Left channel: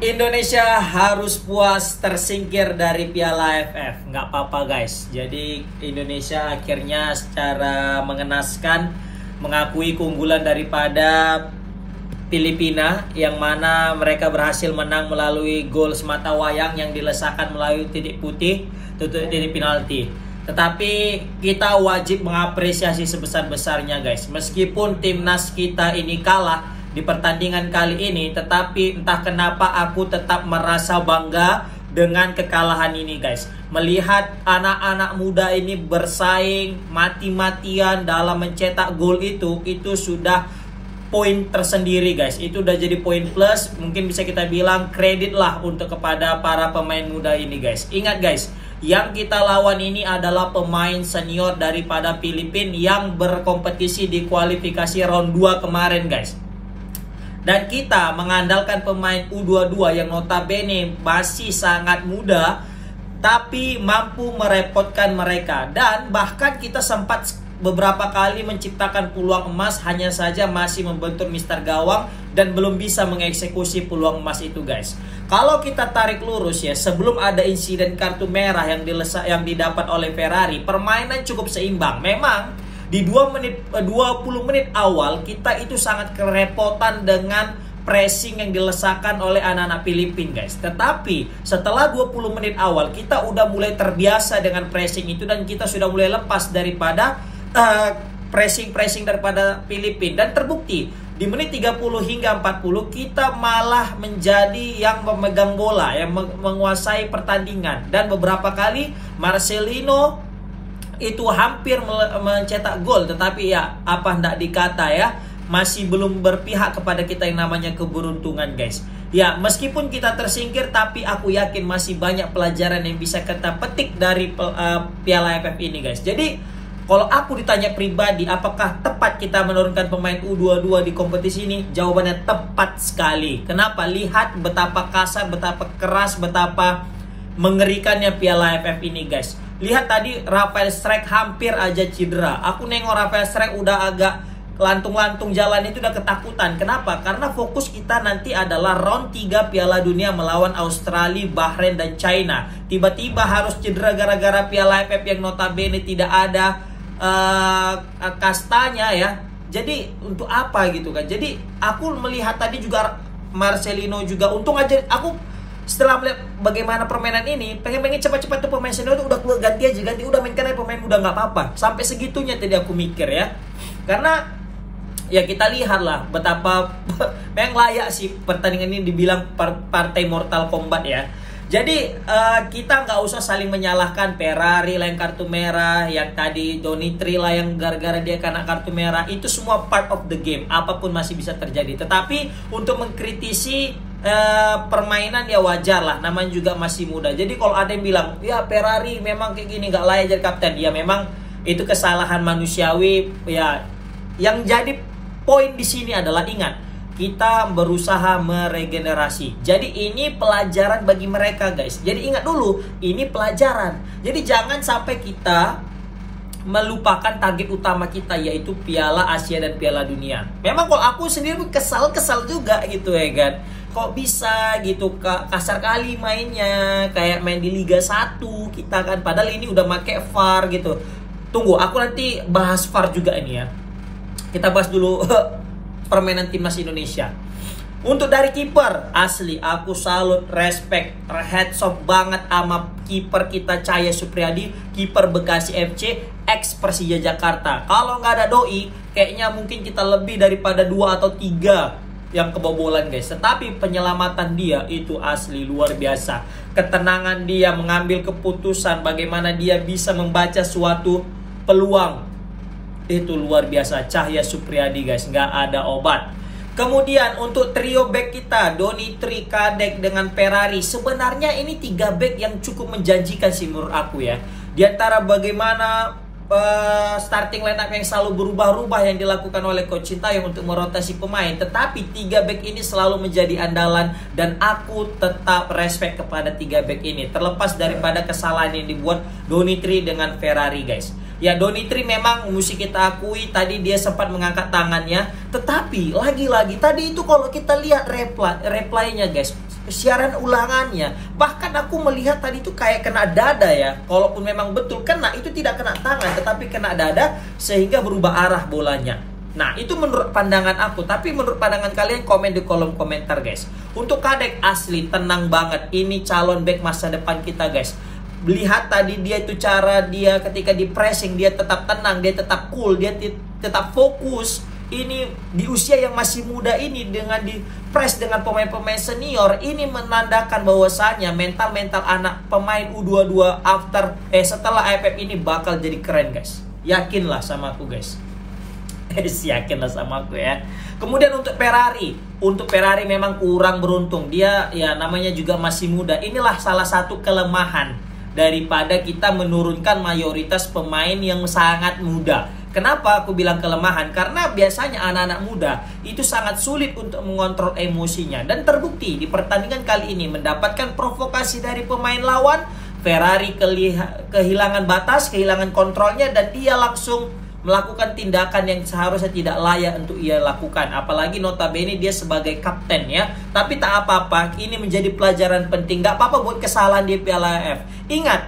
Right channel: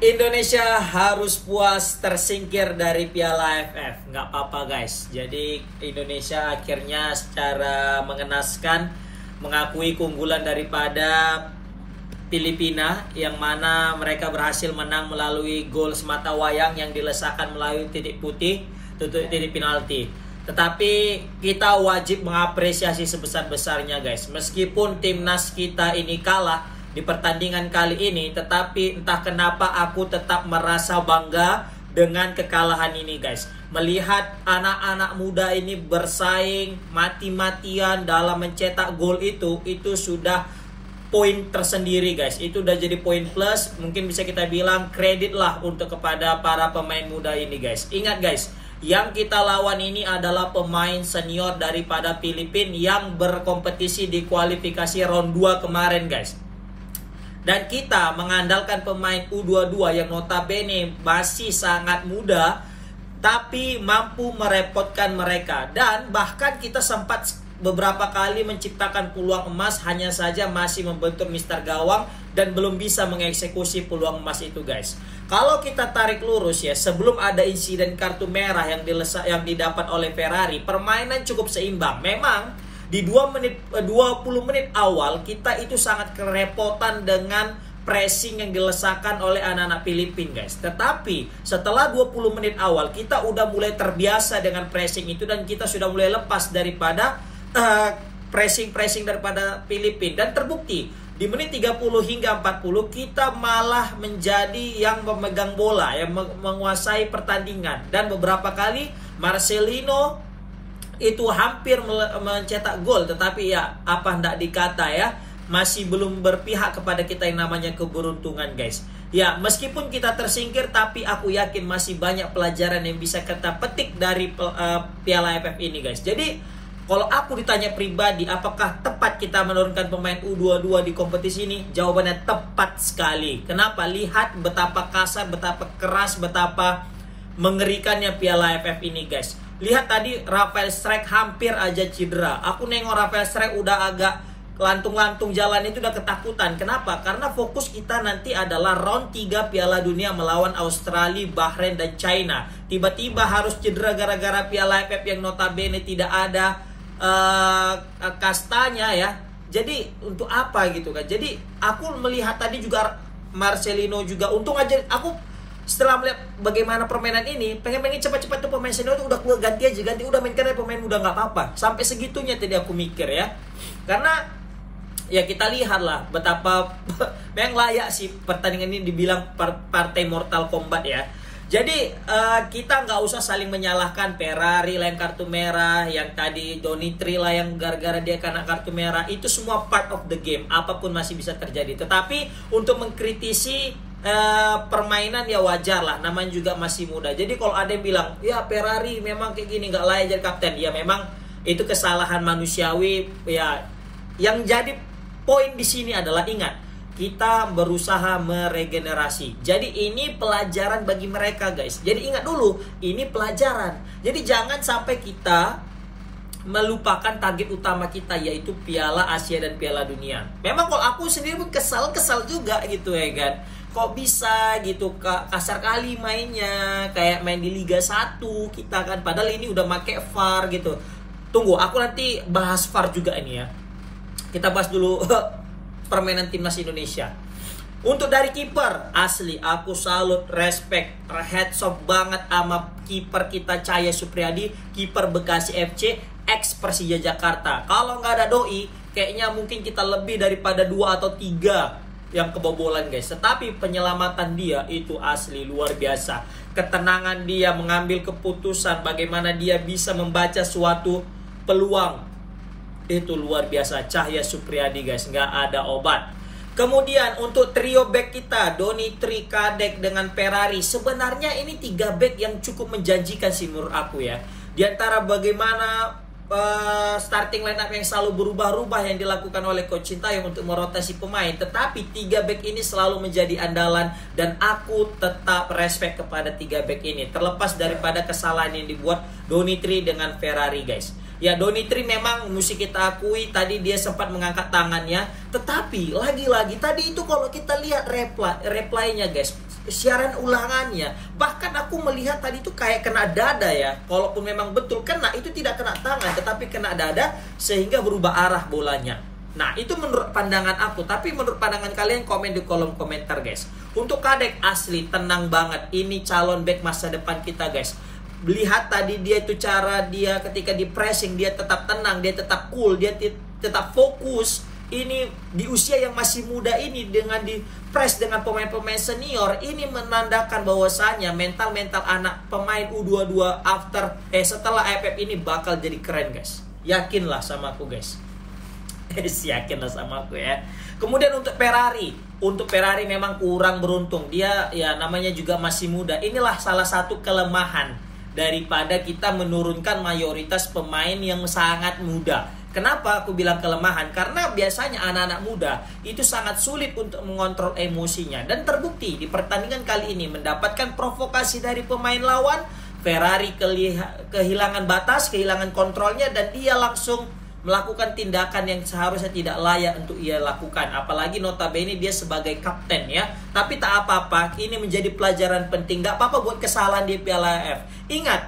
Indonesia harus puas tersingkir dari Piala AFF. Nggak apa-apa guys. Jadi Indonesia akhirnya secara mengenaskan mengakui keunggulan daripada Filipina, yang mana mereka berhasil menang melalui gol semata wayang yang dilesakan melalui titik putih, titik penalti. Tetapi kita wajib mengapresiasi sebesar-besarnya guys. Meskipun timnas kita ini kalah di pertandingan kali ini, tetapi entah kenapa aku tetap merasa bangga dengan kekalahan ini guys. Melihat anak-anak muda ini bersaing mati-matian dalam mencetak gol itu sudah poin tersendiri guys. Itu udah jadi poin plus. Mungkin bisa kita bilang kredit lah untuk kepada para pemain muda ini guys. Ingat guys, yang kita lawan ini adalah pemain senior daripada Filipina yang berkompetisi di kualifikasi round 2 kemarin guys. Dan kita mengandalkan pemain U22 yang notabene masih sangat muda, tapi mampu merepotkan mereka. Dan bahkan kita sempat beberapa kali menciptakan peluang emas, hanya saja masih membentur Mister Gawang dan belum bisa mengeksekusi peluang emas itu guys. Kalau kita tarik lurus ya, sebelum ada insiden kartu merah yang didapat oleh Ferrari, permainan cukup seimbang. Memang di 20 menit awal kita itu sangat kerepotan dengan pressing yang dilesakan oleh anak-anak Filipina guys. Tetapi setelah 20 menit awal kita udah mulai terbiasa dengan pressing itu, dan kita sudah mulai lepas daripada pressing daripada Filipina. Dan terbukti di menit 30 hingga 40 kita malah menjadi yang memegang bola, yang menguasai pertandingan. Dan beberapa kali Marcelino itu hampir mencetak gol, tetapi ya apa ndak dikata ya, masih belum berpihak kepada kita yang namanya keberuntungan guys. Ya meskipun kita tersingkir, tapi aku yakin masih banyak pelajaran yang bisa kita petik dari Piala AFF ini guys. Jadi kalau aku ditanya pribadi, apakah tepat kita menurunkan pemain U22 di kompetisi ini? Jawabannya tepat sekali. Kenapa? Lihat betapa kasar, betapa keras, betapa mengerikannya Piala AFF ini guys. Lihat tadi Rafael Strijk hampir aja cedera. Aku nengok Rafael Strijk udah agak lantung-lantung jalan, itu udah ketakutan. Kenapa? Karena fokus kita nanti adalah round 3 Piala Dunia melawan Australia, Bahrain, dan China. Tiba-tiba harus cedera gara-gara Piala AFF yang notabene tidak ada kastanya ya. Jadi untuk apa gitu kan. Jadi aku melihat tadi juga Marcelino juga, untung aja aku setelah melihat bagaimana permainan ini, pengen cepat-cepat tuh pemain senior itu udah ganti aja, udah mainkan aja pemain muda, nggak apa-apa. Sampai segitunya tadi aku mikir ya. Karena ya kita lihat lah betapa memang layak sih pertandingan ini dibilang partai Mortal Kombat ya. Jadi kita nggak usah saling menyalahkan Ferrari lah yang kartu merah, yang tadi Donitri lah yang gara-gara dia kena kartu merah. Itu semua part of the game, apapun masih bisa terjadi. Tetapi untuk mengkritisi permainan ya wajar lah, namanya juga masih muda. Jadi kalau ada yang bilang ya Ferrari memang kayak gini nggak layak jadi kapten, ya memang itu kesalahan manusiawi ya. Yang jadi poin di sini adalah ingat, kita berusaha meregenerasi. Jadi ini pelajaran bagi mereka guys. Jadi ingat dulu, ini pelajaran. Jadi jangan sampai kita melupakan target utama kita, yaitu Piala Asia dan Piala Dunia. Memang kalau aku sendiri kesal juga gitu ya kan. Kok bisa gitu kasar kali mainnya, kayak main di Liga 1 kita kan. Padahal ini udah make VAR gitu. Tunggu, aku nanti bahas VAR juga ini ya. Kita bahas dulu permainan timnas Indonesia. Untuk dari kiper, asli aku salut, respect, heads off banget sama kiper kita Cahya Supriyadi, kiper Bekasi FC, ex Persija Jakarta. Kalau nggak ada doi, kayaknya mungkin kita lebih daripada 2 atau 3 yang kebobolan guys. Tetapi penyelamatan dia itu asli luar biasa. Ketenangan dia mengambil keputusan, bagaimana dia bisa membaca suatu peluang, itu luar biasa. Cahya Supriyadi guys, nggak ada obat. Kemudian untuk trio back kita, Donitri, Kadek dengan Ferrari, sebenarnya ini 3 back yang cukup menjanjikan sih menurut aku ya. Di antara bagaimana starting line up yang selalu berubah-ubah yang dilakukan oleh Coach Sintayong untuk merotasi pemain, tetapi 3 back ini selalu menjadi andalan, dan aku tetap respect kepada 3 back ini, terlepas daripada kesalahan yang dibuat Donitri dengan Ferrari guys. Ya, Donitri memang mesti kita akui tadi dia sempat mengangkat tangannya, tetapi lagi-lagi tadi itu kalau kita lihat replaynya guys, siaran ulangannya. Bahkan aku melihat tadi itu kayak kena dada ya. Kalaupun memang betul kena, itu tidak kena tangan, tetapi kena dada sehingga berubah arah bolanya. Nah, itu menurut pandangan aku. Tapi menurut pandangan kalian, komen di kolom komentar guys. Untuk Kadek asli tenang banget. Ini calon back masa depan kita guys. Lihat tadi dia itu cara dia ketika di pressing, dia tetap tenang, dia tetap cool, dia tetap fokus. Ini di usia yang masih muda ini dengan di press dengan pemain-pemain senior, ini menandakan bahwasanya mental anak pemain U22 setelah AFF ini bakal jadi keren guys. Yakinlah sama aku guys. Yakinlah sama aku ya. Kemudian untuk Ferrari memang kurang beruntung. Dia ya namanya juga masih muda. Inilah salah satu kelemahan daripada kita menurunkan mayoritas pemain yang sangat muda. Kenapa aku bilang kelemahan? Karena biasanya anak-anak muda itu sangat sulit untuk mengontrol emosinya. Dan terbukti di pertandingan kali ini mendapatkan provokasi dari pemain lawan. Ferrari kehilangan batas, kehilangan kontrolnya, dan dia langsung melakukan tindakan yang seharusnya tidak layak untuk ia lakukan. Apalagi notabene dia sebagai kapten ya. Tapi tak apa-apa, ini menjadi pelajaran penting. Gak apa-apa buat kesalahan di Piala AFF. Ingat,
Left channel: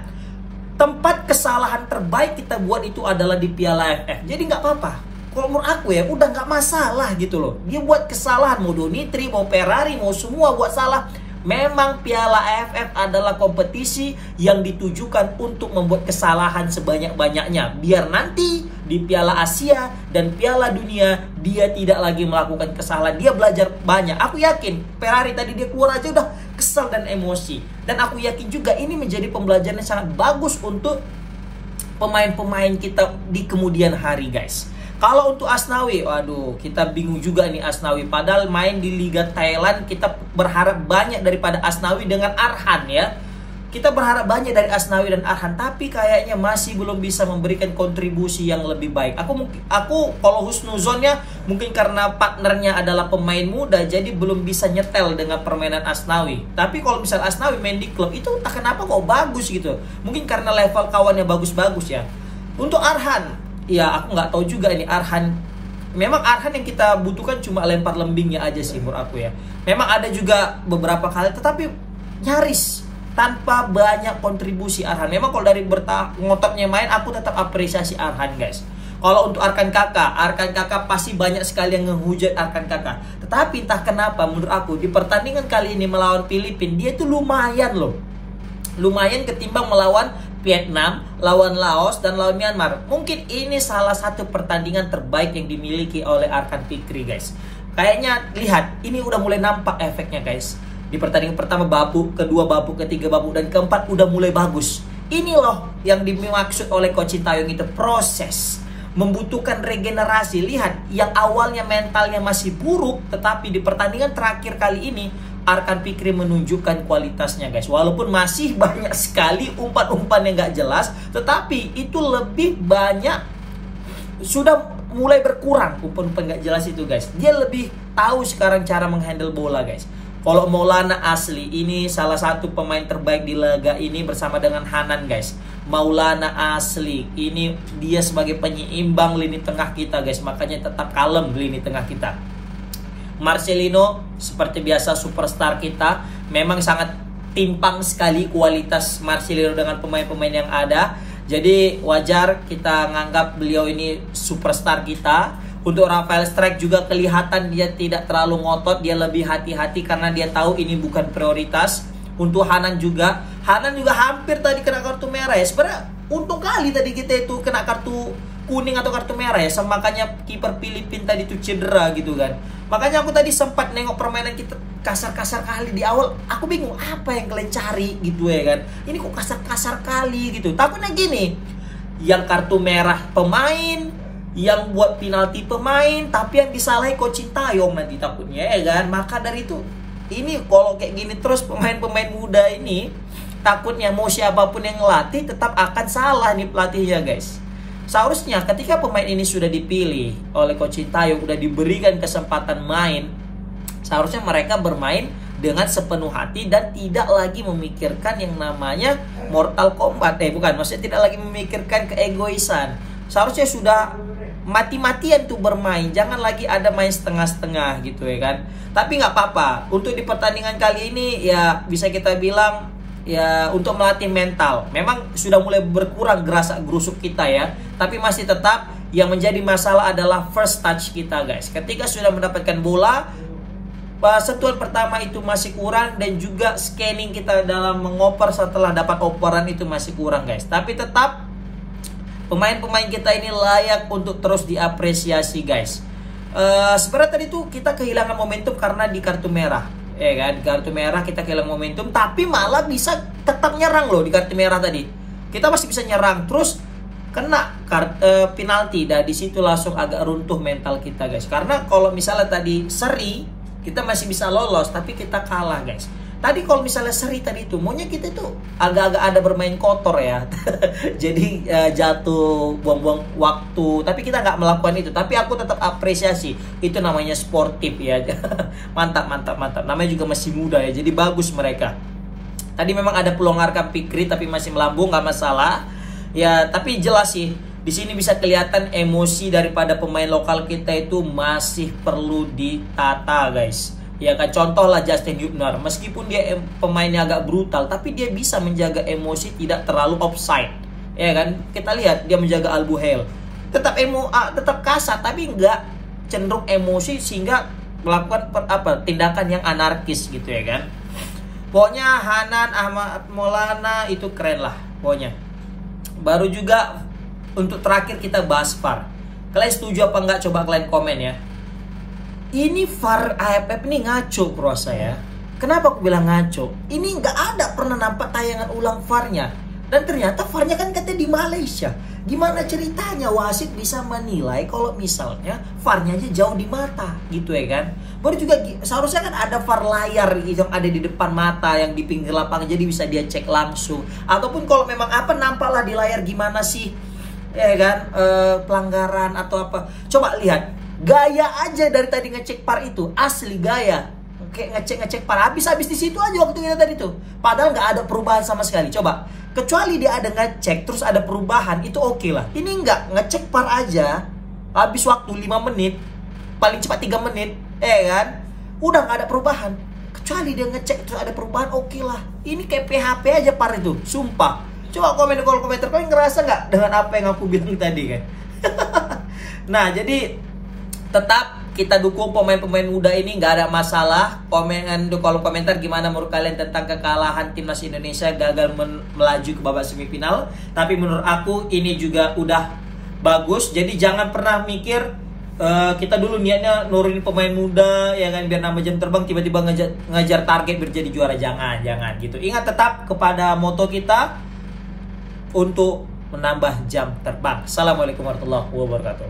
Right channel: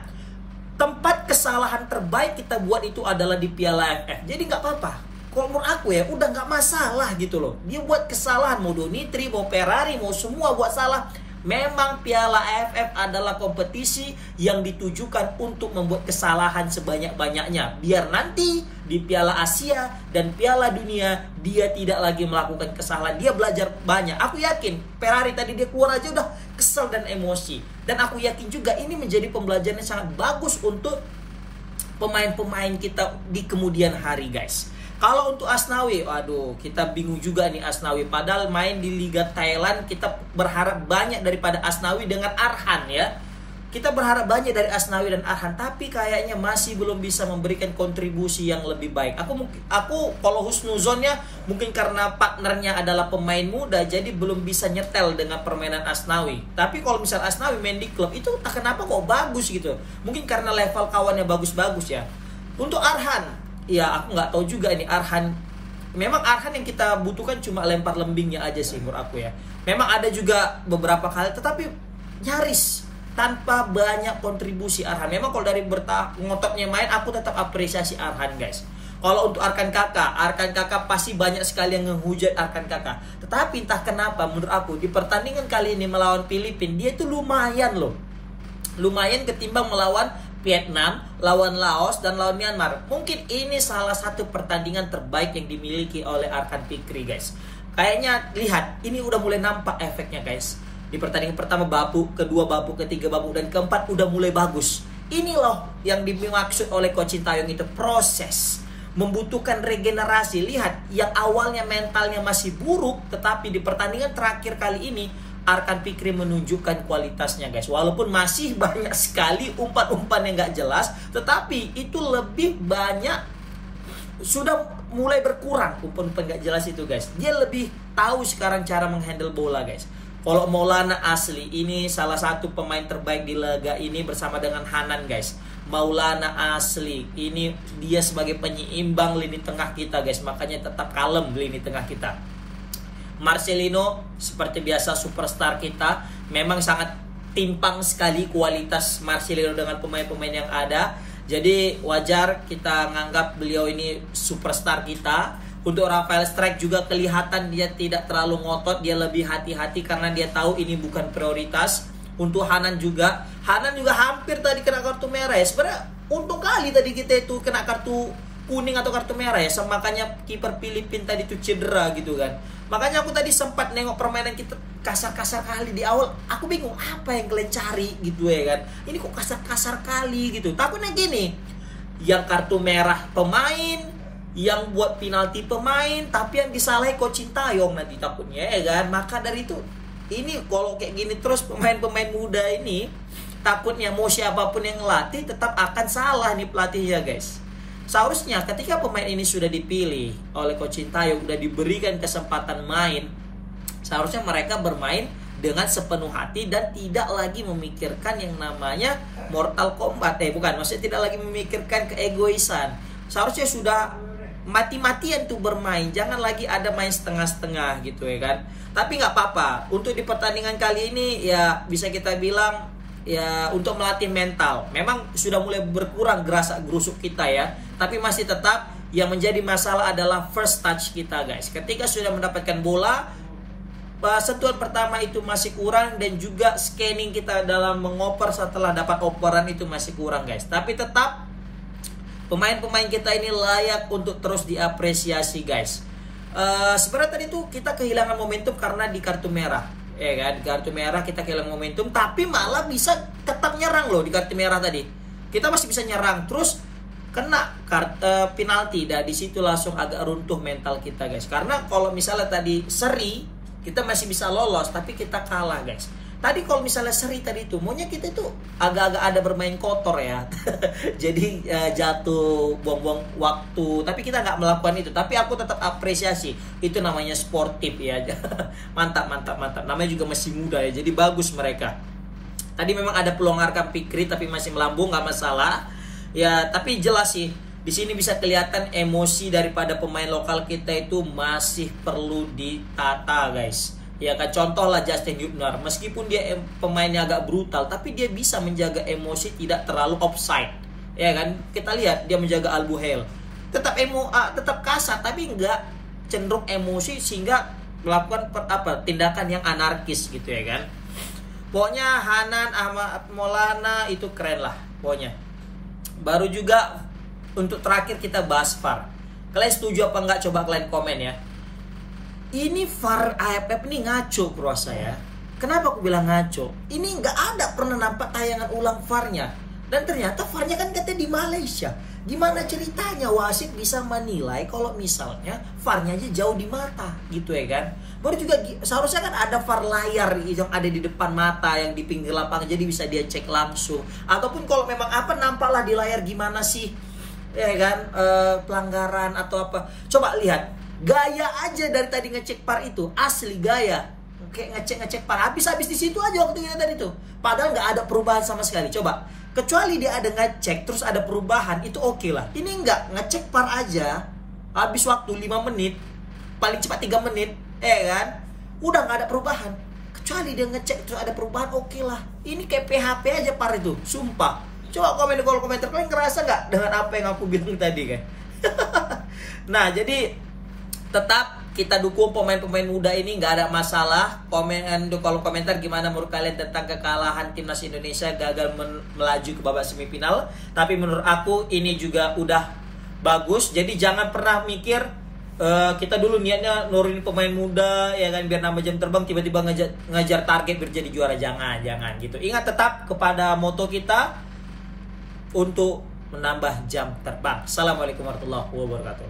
tempat kesalahan terbaik kita buat itu adalah di Piala AFF. Jadi nggak apa-apa. Kalau menurut aku ya udah nggak masalah gitu loh. Dia buat kesalahan, mau Donitri, mau Ferrari, mau semua buat salah. Memang Piala AFF adalah kompetisi yang ditujukan untuk membuat kesalahan sebanyak-banyaknya. Biar nanti di Piala Asia dan Piala Dunia dia tidak lagi melakukan kesalahan. Dia belajar banyak. Aku yakin Ferrari tadi dia keluar aja udah kesal dan emosi. Dan aku yakin juga ini menjadi pembelajaran yang sangat bagus untuk pemain-pemain kita di kemudian hari guys. Kalau untuk Asnawi, waduh, kita bingung juga nih Asnawi. Padahal main di Liga Thailand, kita berharap banyak daripada Asnawi dengan Arhan ya. Kita berharap banyak dari Asnawi dan Arhan, tapi kayaknya masih belum bisa memberikan kontribusi yang lebih baik. Aku kalau husnuzonnya mungkin karena partnernya adalah pemain muda, jadi belum bisa nyetel dengan permainan Asnawi. Tapi kalau misal Asnawi main di klub itu tak kenapa kok bagus gitu. Mungkin karena level kawannya bagus-bagus ya. Untuk Arhan, ya aku nggak tahu juga ini Arhan. Memang Arhan yang kita butuhkan cuma lempar lembingnya aja sih menurut aku ya. Memang ada juga beberapa kali, tetapi nyaris tanpa banyak kontribusi Arhan. Memang kalau dari ngototnya main, aku tetap apresiasi Arhan guys. Kalau untuk Arkan Kakak pasti banyak sekali yang ngehujat Arkan Kakak. Tetapi entah kenapa menurut aku di pertandingan kali ini melawan Filipina, dia itu lumayan loh. Lumayan ketimbang melawan Vietnam, lawan Laos, dan lawan Myanmar. Mungkin ini salah satu pertandingan terbaik yang dimiliki oleh Arkan Fikri guys. Kayaknya lihat, ini udah mulai nampak efeknya guys. Di pertandingan pertama babuk, kedua babuk, ketiga babuk, dan keempat udah mulai bagus. Ini loh yang dimaksud oleh Coach Sintayong itu proses. Membutuhkan regenerasi. Lihat, yang awalnya mentalnya masih buruk, tetapi di pertandingan terakhir kali ini Arkan Fikri menunjukkan kualitasnya guys. Walaupun masih banyak sekali umpan-umpan yang gak jelas, tetapi itu lebih banyak, sudah mulai berkurang umpan-umpan gak jelas itu guys. Dia lebih tahu sekarang cara menghandle bola guys. Kalau Maulana asli, ini salah satu pemain terbaik di laga ini bersama dengan Hanan guys. Maulana asli, ini dia sebagai penyeimbang lini tengah kita guys. Makanya tetap kalem lini tengah kita. Marcelino seperti biasa superstar kita. Memang sangat timpang sekali kualitas Marcelino dengan pemain-pemain yang ada. Jadi wajar kita nganggap beliau ini superstar kita. Untuk Rafael Strike juga kelihatan dia tidak terlalu ngotot, dia lebih hati-hati karena dia tahu ini bukan prioritas. Untuk Hanan juga hampir tadi kena kartu merah ya. Sebenarnya untung kali tadi kita itu kena kartu kuning atau kartu merah ya. Makanya kiper Filipina tadi itu cedera gitu kan. Makanya aku tadi sempat nengok permainan kita kasar-kasar kali di awal. Aku bingung apa yang kalian cari gitu ya kan. Ini kok kasar-kasar kali gitu. Tapi nah gini, yang kartu merah pemain, yang buat penalti pemain, tapi yang disalahi Coach Sintayong nanti takutnya ya kan. Maka dari itu, ini kalau kayak gini terus pemain-pemain muda ini, takutnya mau siapapun yang ngelatih tetap akan salah nih pelatihnya guys. Seharusnya ketika pemain ini sudah dipilih oleh Coach Sintayong, sudah diberikan kesempatan main, seharusnya mereka bermain dengan sepenuh hati dan tidak lagi memikirkan yang namanya Mortal Kombat. Bukan, maksudnya tidak lagi memikirkan keegoisan. Seharusnya sudah mati-matian tuh bermain, jangan lagi ada main setengah-setengah gitu ya kan. Tapi nggak apa-apa, untuk di pertandingan kali ini ya bisa kita bilang ya untuk melatih mental. Memang sudah mulai berkurang gerasak gerusuk kita ya, tapi masih tetap yang menjadi masalah adalah first touch kita guys. Ketika sudah mendapatkan bola, sentuhan pertama itu masih kurang, dan juga scanning kita dalam mengoper setelah dapat operan itu masih kurang guys. Tapi tetap pemain-pemain kita ini layak untuk terus diapresiasi guys. Sebenarnya tadi tuh kita kehilangan momentum karena di kartu merah, ya kan? Kartu merah kita kehilangan momentum, tapi malah bisa tetap nyerang loh di kartu merah tadi. Kita masih bisa nyerang, terus kena penalti, dan di situ langsung agak runtuh mental kita guys. Karena kalau misalnya tadi seri, kita masih bisa lolos, tapi kita kalah guys. Tadi kalau misalnya seri tadi itu, maunya kita itu agak-agak ada bermain kotor ya. Jadi jatuh, buang-buang waktu. Tapi kita nggak melakukan itu. Tapi aku tetap apresiasi. Itu namanya sportif ya. Mantap, mantap, mantap. Namanya juga masih muda ya. Jadi bagus mereka. Tadi memang ada peluang Arkham Fikri, tapi masih melambung, nggak masalah. Ya, tapi jelas sih. Di sini bisa kelihatan emosi daripada pemain lokal kita itu masih perlu ditata guys. Ya kan, contoh lah Justin Hubner, meskipun dia pemainnya agak brutal, tapi dia bisa menjaga emosi tidak terlalu offside. Ya kan, kita lihat dia menjaga Albuhel, tetap tetap kasar, tapi nggak cenderung emosi sehingga melakukan tindakan yang anarkis gitu ya kan. Pokoknya Hanan Ahmad Maulana itu keren lah pokoknya. Baru juga untuk terakhir kita bahas VAR. Kalian setuju apa enggak? Coba kalian komen ya. Ini VAR AFF ini ngaco bro saya. Kenapa aku bilang ngaco? Ini nggak ada pernah nampak tayangan ulang VAR-nya. Dan ternyata VAR-nya kan katanya di Malaysia. Gimana ceritanya wasit bisa menilai kalau misalnya VAR-nya aja jauh di mata gitu ya kan? Baru juga seharusnya kan ada VAR layar yang ada di depan mata, yang di pinggir lapangan, jadi bisa dia cek langsung. Ataupun kalau memang nampaklah di layar gimana sih, ya kan, pelanggaran atau apa. Coba lihat gaya aja dari tadi ngecek VAR itu, asli gaya kayak ngecek VAR. Habis di situ aja waktu kita tadi tuh, padahal nggak ada perubahan sama sekali. Coba, kecuali dia ada ngecek terus ada perubahan, itu oke lah. Ini nggak, ngecek VAR aja habis waktu 5 menit, paling cepat 3 menit, kan udah nggak ada perubahan. Kecuali dia ngecek terus ada perubahan, oke lah. Ini kayak PHP aja VAR itu, sumpah. Coba komen di kolom komentar, kalian ngerasa nggak dengan apa yang aku bilang tadi kan? Nah, jadi tetap kita dukung pemain-pemain muda ini, nggak ada masalah. Komen di kolom komentar gimana menurut kalian tentang kekalahan timnas Indonesia gagal melaju ke babak semifinal. Tapi menurut aku ini juga udah bagus. Jadi jangan pernah mikir kita dulu niatnya nurunin pemain muda ya kan, biar nambah jam terbang, tiba-tiba ngejar target biar jadi juara. Jangan gitu. Ingat tetap kepada moto kita untuk menambah jam terbang. Assalamualaikum warahmatullahi wabarakatuh.